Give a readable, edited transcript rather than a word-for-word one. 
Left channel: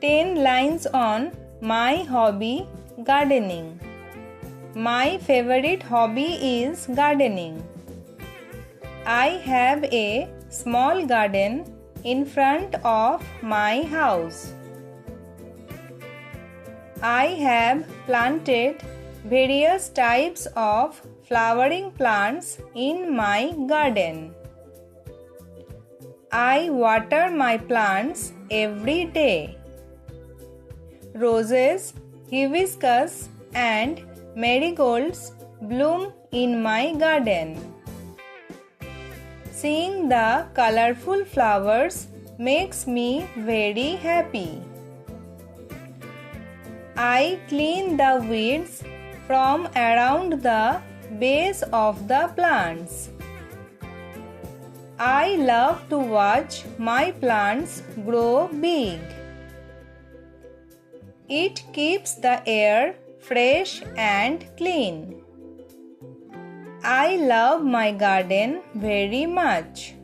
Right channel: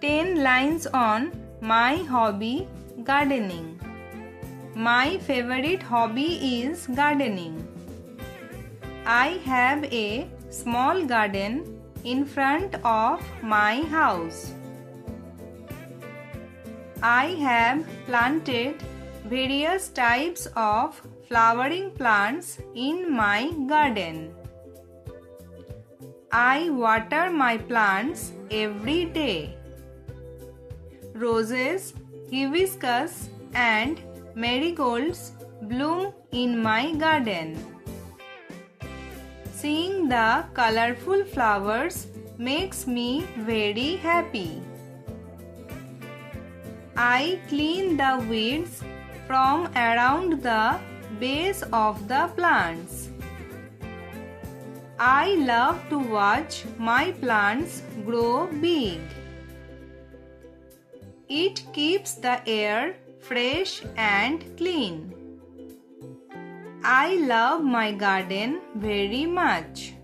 10 lines on my hobby, gardening. My favorite hobby is gardening. I have a small garden in front of my house. I have planted various types of flowering plants in my garden. I water my plants every day. Roses, hibiscus, and marigolds bloom in my garden. Seeing the colorful flowers makes me very happy. I clean the weeds from around the base of the plants. I love to watch my plants grow big. It keeps the air fresh and clean. I love my garden very much.